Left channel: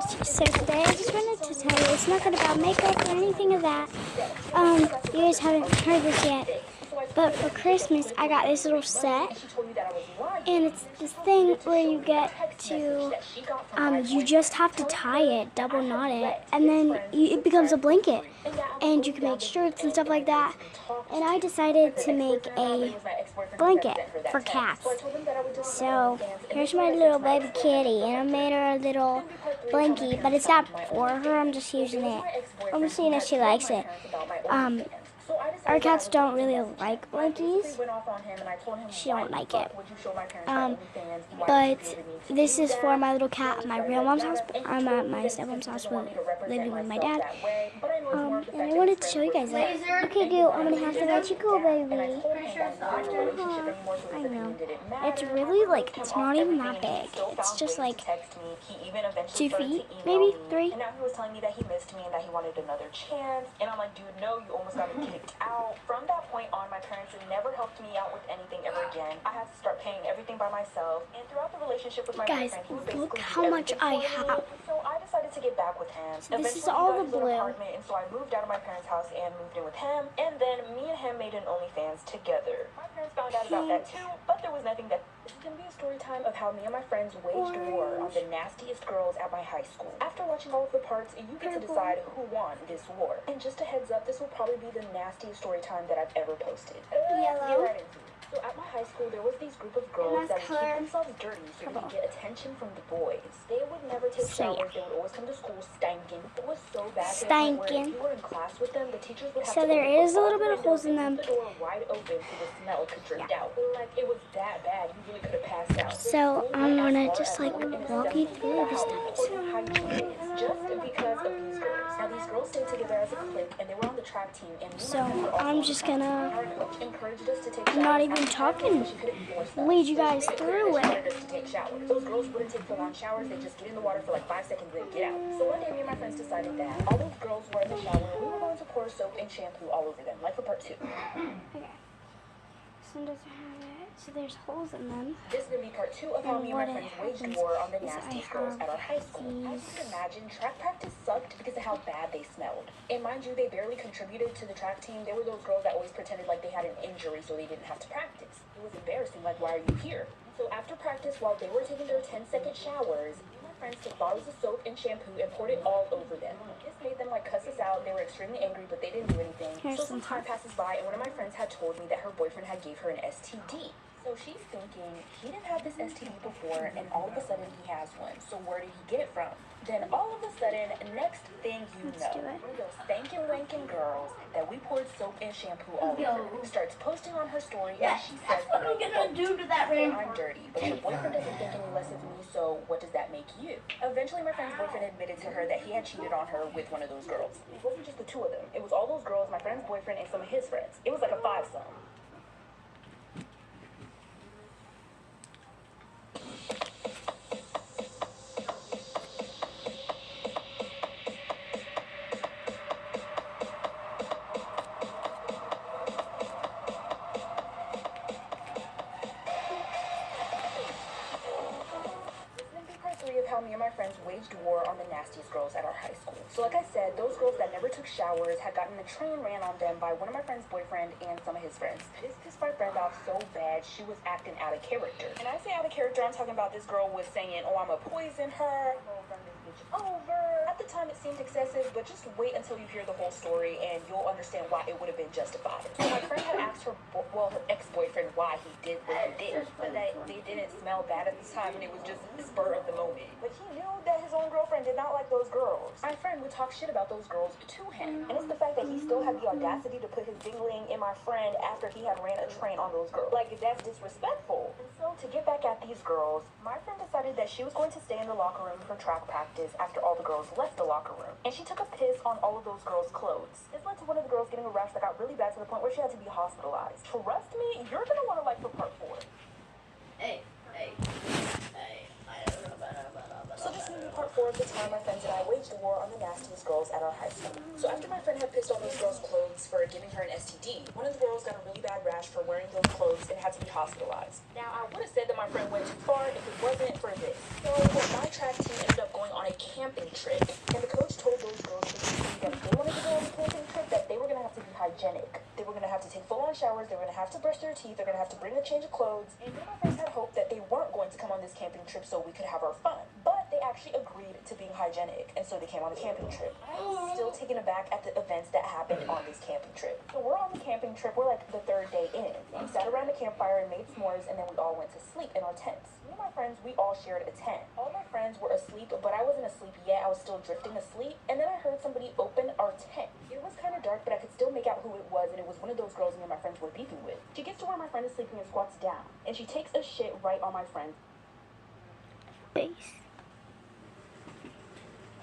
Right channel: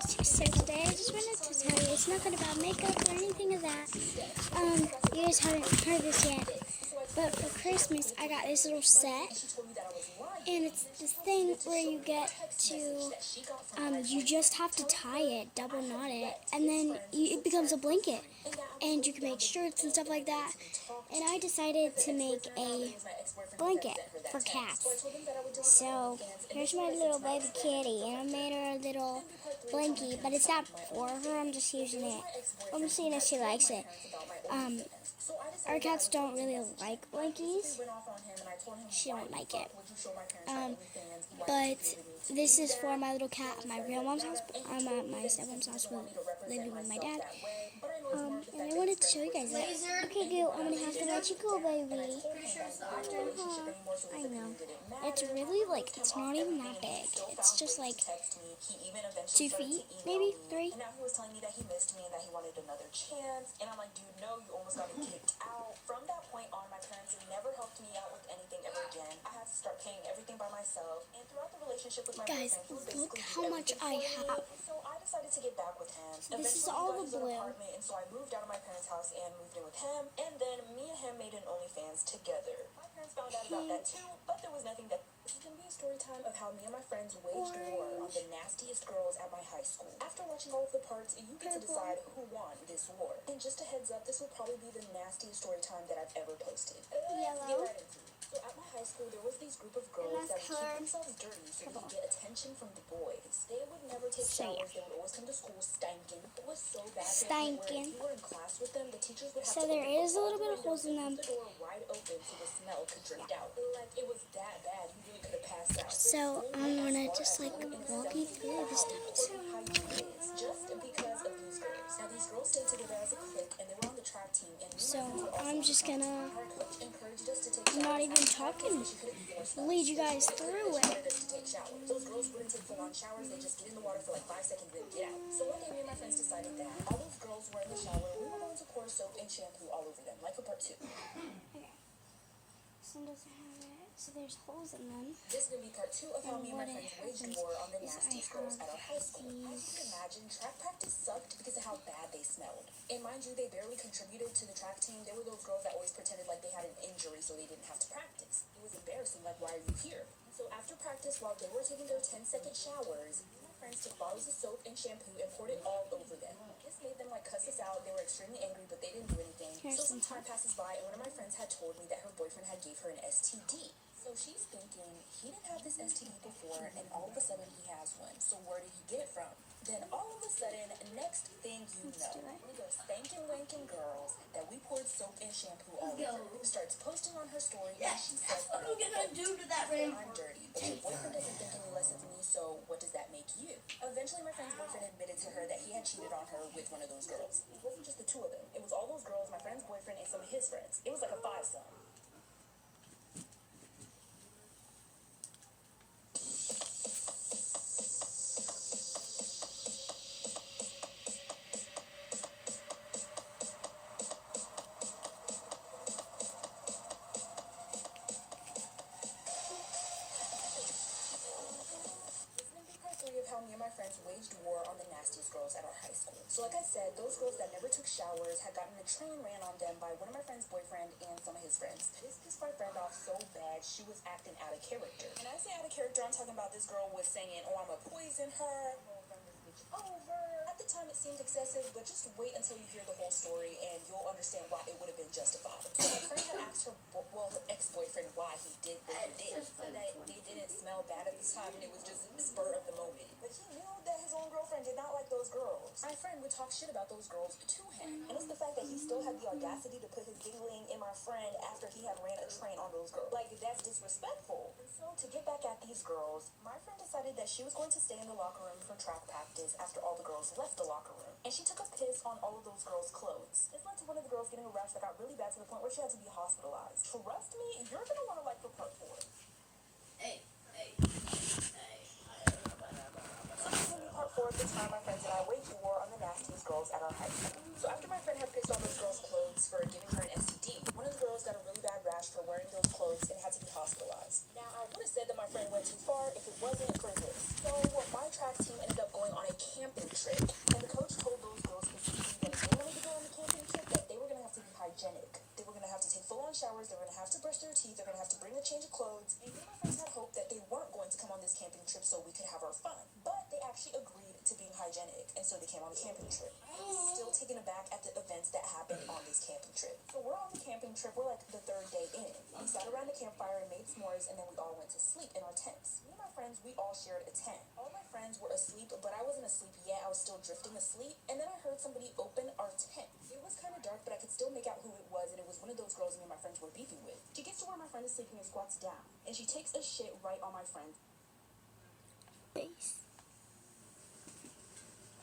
guys, so today I just wanted to tell you, it's nothing about makeup or anything of that. You guys haven't heard this yet, but for Christmas I got this little set, and it's this thing where you get to, you just have to tie it, double knot it, and then it becomes a blanket, and you can make shirts and stuff like that. And I decided to make a blanket for cats. So here's my little baby kitty, and I made her a little blankie, but it's not for her. I'm just using it. I'm seeing if she likes it. Our cats don't really like blankies. She don't like it. But this is for my little cat at my real mom's house. I'm at my stepmom's house living with my dad. And I wanted to show you guys that. Okay, Gil, I'm gonna have to let you go, baby. I know. It's really like, it's not even that big. It's just like 2 feet, maybe 3. And now he was telling me that he missed me and that he wanted another chance. And I'm like, dude, no, you almost got me kicked out. From that point on, my parents never helped me out with anything ever again. I had to start paying everything by myself. And throughout the relationship with my guys, boyfriend, he was look basically how much I have. So I decided to get back with him. So this is all the blue. And so I moved out of my parents' house and moved in with him. And then me and him made an OnlyFans together. My parents found out about that too, but there was nothing that... This is going to be a story time of how me and my friends waged war on the nastiest girls at my high school. After watching all of the parts, you get to decide who won this war. And just a heads up, this will probably be the nastiest story time that I've ever posted. Let's get right into it. So at my high school, there was these group of girls that would keep themselves dirty so they could get attention from the boys. They would never take showers. They would always come to school stankin'. It was so bad. Stankin'. If you were in class with them, the teachers would have so to there is a little bit of holes in them. The door wide open so the smell could drift out. Like, it was that bad. You really could have passed out. So I'm gonna just like walk you through the steps. Just because of these girls. Now these girls stayed together as a clique and they were on the track team. And So I'm just gonna, our coach encouraged us to take I'm not even talking, lead you guys through it. Those girls wouldn't take full on showers. They just get in the water for like 5 seconds and get out. So one day me and my friends decided that all those girls were in the shower. We were going to pour soap and shampoo all over them, like for part 2. Okay. So doesn't have it. So there's holes in them. This is going to be part 2 of how me and my friends waged war on the nastiest girls at our high school. As you can imagine, track practice sucked because of how bad they smelled. And mind you, they barely contributed to the track team. They were those girls that always pretended like they had an injury so they didn't have to practice. It was embarrassing, like, why are you here? So after practice, while they were taking their 10-second showers, me and my friends took bottles of soap and shampoo and poured it all over them. This made them like cuss us out. They were extremely angry, but they didn't do anything. So some time passes by, and one of my friends had told me that her boyfriend had gave her an STD. So she's thinking, he didn't have this STD before, and all of a sudden he has one. So where did he get it from? Then all of a sudden, next thing you know, one of those stankin' wankin' girls that we poured soap and shampoo all over starts posting on her story, and she says, what I'm gonna do to that ring. I'm dirty, but your boyfriend doesn't think any less of me, so what does that make you? Eventually, my friend's boyfriend admitted to her that he had cheated on her with one of those girls. It wasn't just the two of them. It was all those girls, my friend's boyfriend, and some of his friends. It was like a 5-some. How me and my friends waged war on the nastiest girls at our high school. So like I said, those girls that never took showers had gotten a train ran on them by one of my friend's boyfriend and some of his friends. This pissed my friend off so bad, she was acting out of character. And I say out of character, I'm talking about this girl was saying, oh, I'm gonna poison her, over. At the time, it seemed excessive, but just wait until you hear the whole story and you'll understand why it would have been justified. So my friend had asked her ex-boyfriend why he did what he did. But they didn't smell bad at the time, and it was just the spur of the moment. But he knew that his own girlfriend did not like those girls. My friend would talk shit about those girls to him. And it's the fact that he still had the audacity to put his dingling in my friend after he had ran a train on those girls. Like, that's disrespectful. And so to get back at these girls, my friend decided that she was going to stay in the locker room for track practice after all the girls left the locker room. And she took a piss on all of those girls' clothes. This led to one of the girls getting a rash that got really bad to the point where she had to be hospitalized. Trust me, you're gonna want to like for part 4. Hey. So this is part 4 of the time my friends and I waged war on the nastiest girls at our high school. So after my friend had pissed on those girls' clothes for giving her an STD, one of the girls got a really bad rash for wearing those clothes and had to be hospitalized. Now, I would have said that my friend went too far if it wasn't for this. So my track team ended up going on a camping trip. And the coach told those girls specifically that if they wanted to go on the camping trip, that they were going to have to be hygienic. They were going to have to take full-on showers. They were going to have to brush their teeth. They're going to have to bring a change of clothes. And me and my friends had hope that they weren't going to come on this camping trip so we could have our fun. But they actually agreed to being hygienic, and so they came on a camping trip. I was still taken aback at the events that happened on this camping trip. So we're on the camping trip. We're like the third day in. We sat around the campfire and made s'mores, and then we all went to sleep in our tents. Me and my friends, we all shared a tent. All my friends were asleep, but I wasn't asleep yet. I was still drifting asleep. And then I heard somebody open our tent. It was kind of dark, but I could still make out who it was, and it was one of those girls me and my friends were beefing with. She gets to where my friend is sleeping and squats down, and she takes a shit right on my friend's Face.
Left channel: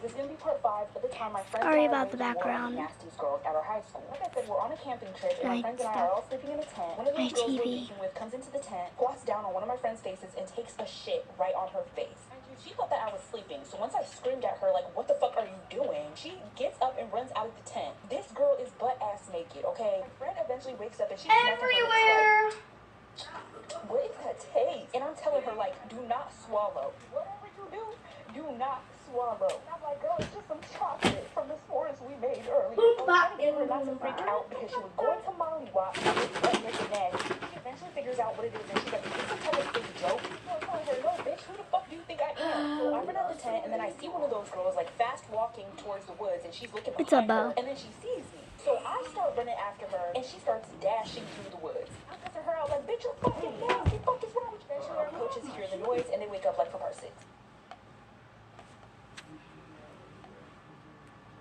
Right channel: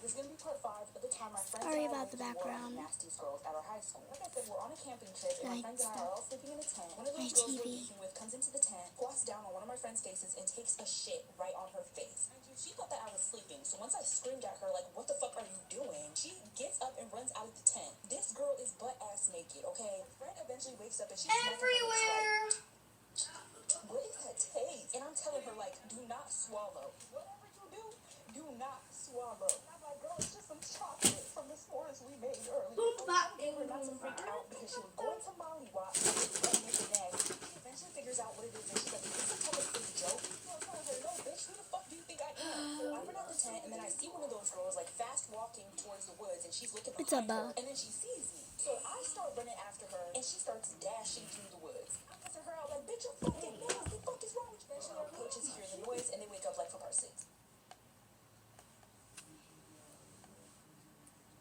This is going to be part 5 of the time my friends Sorry and I about the waged war on background. the Nasty's girls at our high school. Like I said, we're on a camping trip, and my Night friends and I stuff. are all sleeping in a tent. One of My those girls we're TV. beefing with comes into the tent, squats down on one of my friend's faces, and takes a shit right on her face. And she thought that I was sleeping, so once I screamed at her, like, what the fuck are you doing? She gets up and runs out of the tent. This girl is butt-ass naked, okay? My friend eventually wakes up, and she's smacking her lips like, what is that taste? And I'm telling her, like, do not swallow. Whatever you do not swallow. And I'm like, girl, it's just some chocolate from the s'mores we made earlier. I was trying to get her not to freak out because she was going to mollywop and it was butt naked nasty. She eventually figures out what it is, and she's like, is this some type of big joke? I'm telling her, no, bitch, who the fuck do you think I am? So I run out the tent, and then I see one of those girls, like, fast walking towards the woods, and she's looking It's a behind her, bow. and then she sees me. So I start running after her, and she starts dashing through the woods. I'm cussing her out like, bitch, you're fucking nasty. Fuck is wrong with you? Eventually, our coaches hear the noise, and they wake up like for part 6.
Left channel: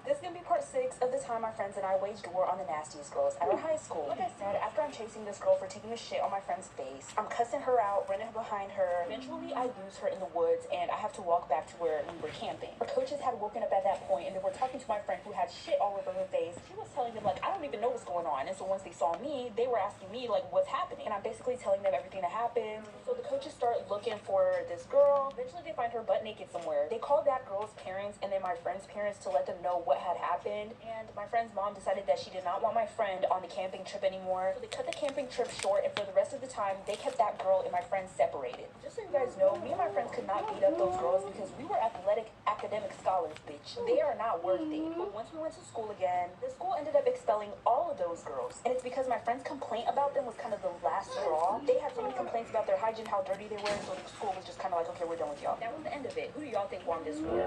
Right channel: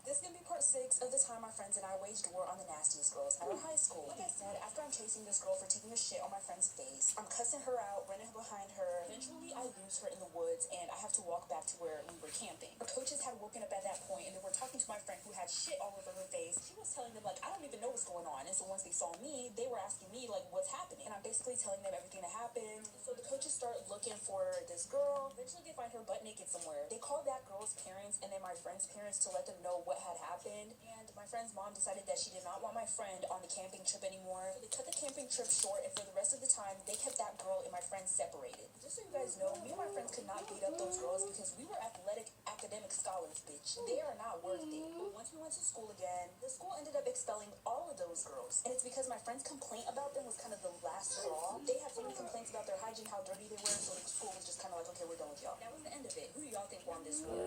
This is going to be part 6 of the time my friends and I waged war on the nastiest girls at our high school. Like I said, after I'm chasing this girl for taking a shit on my friend's face, I'm cussing her out, running behind her. Eventually, I lose her in the woods, and I have to walk back to where we were camping. Our coaches had woken up at that point, and they were talking to my friend who had shit all over her face. She was telling them, like, I don't even know what's going on. And so once they saw me, they were asking me, like, what's happening? And I'm basically telling them everything that happened. So the coaches start looking for this girl. Eventually, they find her butt naked somewhere. They called that girl's parents and then my friend's parents to let them know what had happened. And my friend's mom decided that she did not want my friend on the camping trip anymore. So they cut the camping trip short, and for the rest of the time, they kept that girl and my friend separated. Just so you guys know, me and my friends could not beat up those girls because we were athletic academic scholars, bitch. They are not worth it. But once we went to school again, the school ended up expelling all of those girls. And it's because my friend's complaint about them was kind of the last straw. They had so many complaints about their hygiene, how dirty they were, so the school was just kind of like, okay, we're done with y'all. That was the end of it. Who do y'all think won this war?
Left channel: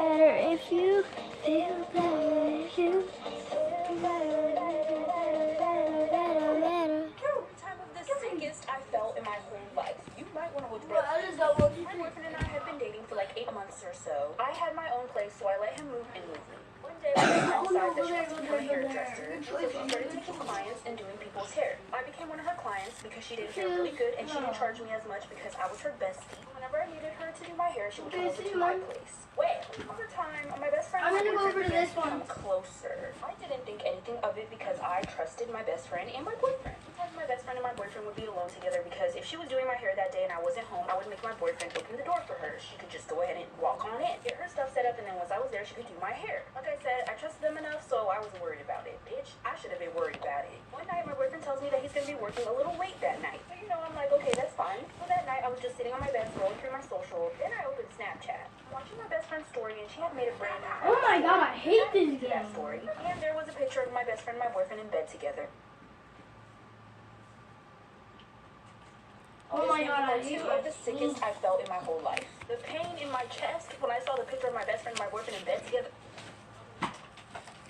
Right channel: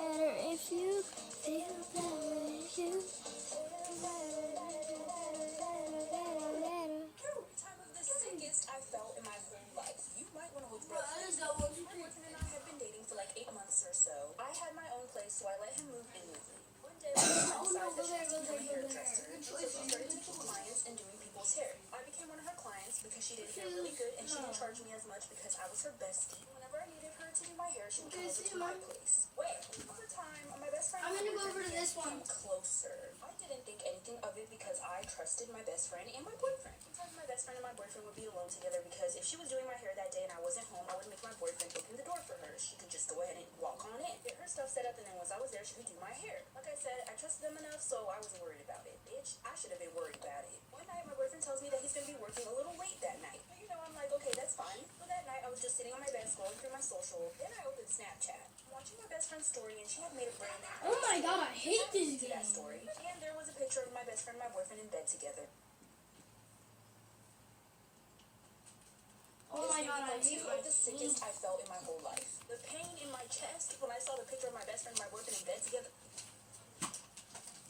Better if you feel better if you feel better. Time of the sickest I felt in my whole life. You might want to hold your Bro, breath. I just got one. My boyfriend and I had been dating for like 8 months or so. I had my own place, so I let him move in with me. One day, my friend decided that she wants to become a hairdresser, so she started taking clients and doing people's hair. I became one of her clients because she did hair really good, and she didn't charge me as much because I was her bestie. Whenever I needed her to do my hair, she would come over to my place. Well, over time, my best friend I'm and my gonna go over boyfriend to began this to one. become closer. I didn't think anything of it because I trusted my best friend and my boyfriend. Sometimes my best friend and my boyfriend would be alone together because if she was doing my hair that day and I wasn't home, I would make my boyfriend open the door for her. She could just go ahead and walk on in, get her stuff set up, and then once I was there, she could do my hair. Like I said, I trusted them enough, so I wasn't worried about it. Bitch, I should have been worried about it. One night, my boyfriend tells me that he's gonna be working a little late that night. But I'm like, okay, that's fine. Well, that night, I was just sitting on my bed scrolling through my social. Then I opened Snapchat, watching my best friend's story, and she had made a brand new Oh my god, I hate this to that game. story. And there was a picture of my best friend and my boyfriend in bed together. Oh my god, I hate One of the sickest I felt in my whole life. The pain in my chest when I saw the picture of my best friend and my boyfriend in bed together.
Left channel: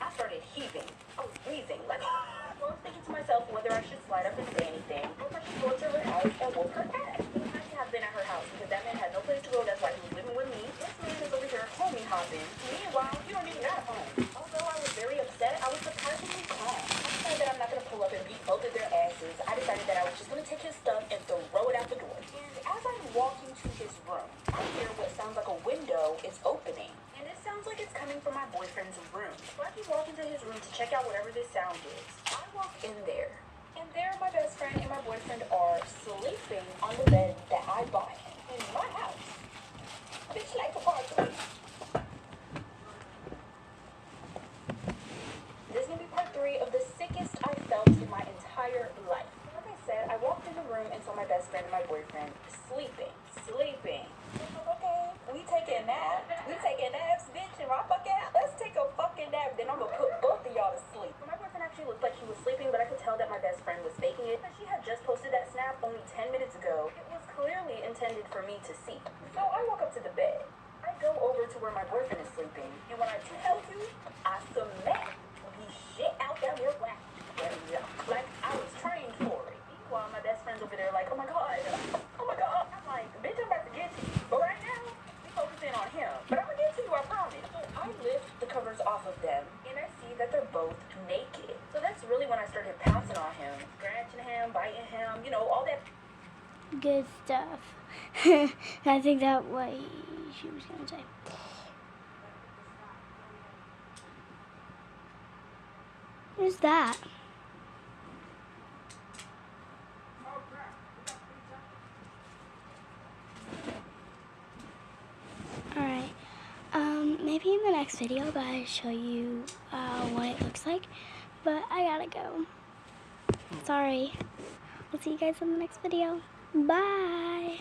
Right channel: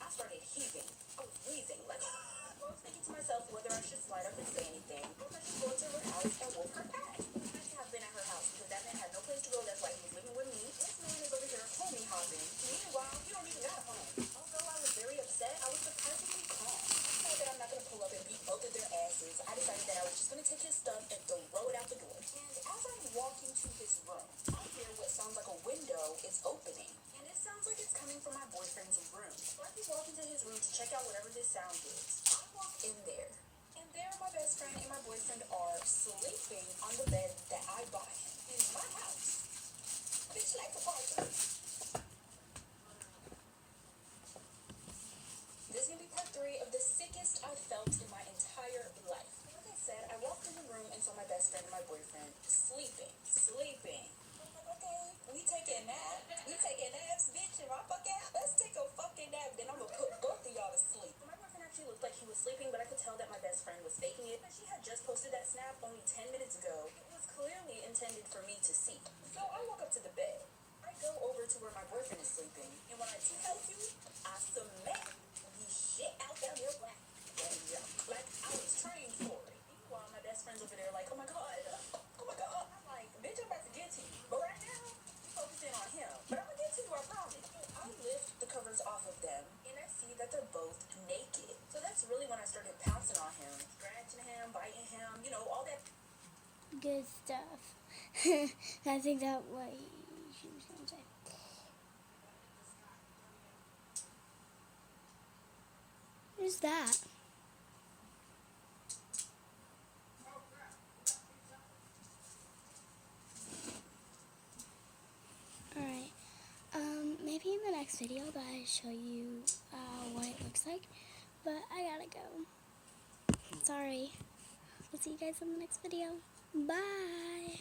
I started heaving. I was breathing. Like, I was thinking to myself whether I should slide up and say anything, or if I should go to her house and whoop her ass. I should have been at her house because that man had no place to go. That's why he was living with me. This man is over here homie hopping. Meanwhile, you don't even got a home. Although I was very upset, I was surprisingly calm. I decided that I'm not going to pull up and beat both of their asses. I decided that I was just going to take his stuff and throw it out the door. And as I'm walking to his room, I hear what sounds like a window is opening. And it sounds like it's coming from my boyfriend's room. So I keep walking to his room to check out whatever this sound is. I walk in there. And there my best friend and my boyfriend are sleeping on the bed that I bought him in my house. Bitch, like a party. and so my best friend and my boyfriend sleeping. Okay, we taking naps, bitch, and my fucking ass. Let's take a fucking nap, then I'm gonna put both of y'all to sleep. My boyfriend actually looked like he was sleeping, but I could tell that my best friend was faking it. She had just posted that snap only 10 minutes ago. It was clearly intended for me to see. So I walk up to the bed. I go over to where my boyfriend is sleeping, and when I tell you, I smack the shit out that little whack. Like I was trained for it. While my best friend's over there like, oh my god. I'm like, bitch, I'm about to get to you. But right now, we focusing on him. But I'm gonna get to you, I promise. So I lift the covers off of them, and I see that they're both naked. So that's really when I started pouncing on him, scratching him, biting him, you know, all that. Good stuff. I think that what she was gonna say. Who's that? Alright. Maybe in the next video I'll show you what it looks like. But I gotta go. Sorry. We'll see you guys in the next video. Bye.